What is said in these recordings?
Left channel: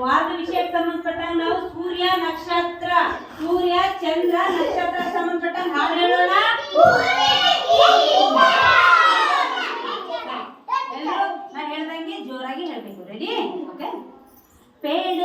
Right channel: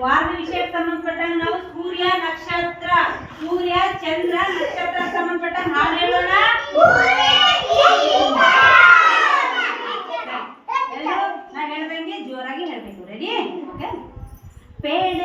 ವಾರದ ವಿಷಯಕ್ಕೆ ಸಂಬಂಧಪಟ್ಟಂಗೆ ನಾವು ಸೂರ್ಯ ನಕ್ಷತ್ರ, ಸೂರ್ಯ ಚಂದ್ರ ನಕ್ಷತ್ರ ಸಂಬಂಧಪಟ್ಟಂಗೆ ಹಾಡು ಹೇಳೋಣ. ನಾನು ಹೇಳ್ದಂಗೆ ಜೋರಾಗಿ ಹೇಳ್ಬೇಕು. ರೆಡಿ ಓಕೆ ಪೇಡ್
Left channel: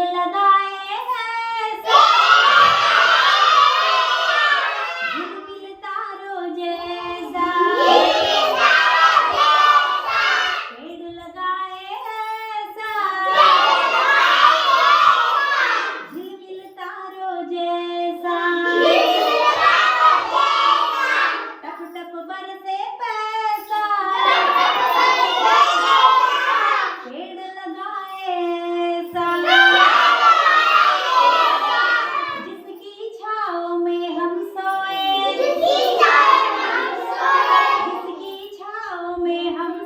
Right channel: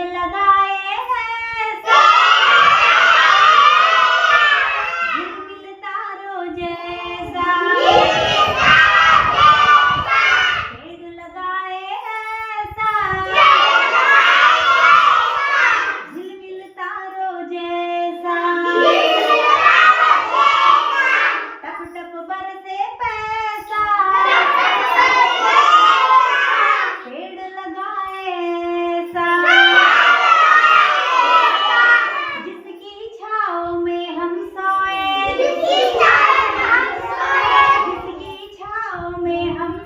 में हम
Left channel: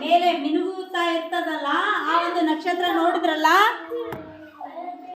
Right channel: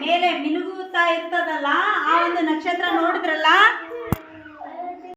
ಮೇಲೆ ಮಿನುಗುತ್ತಾ ಇರ್ತದಲ್ಲ ಆ ಒಂದು ನಕ್ಷತ್ರ ನೋಡಿದ್ರೆ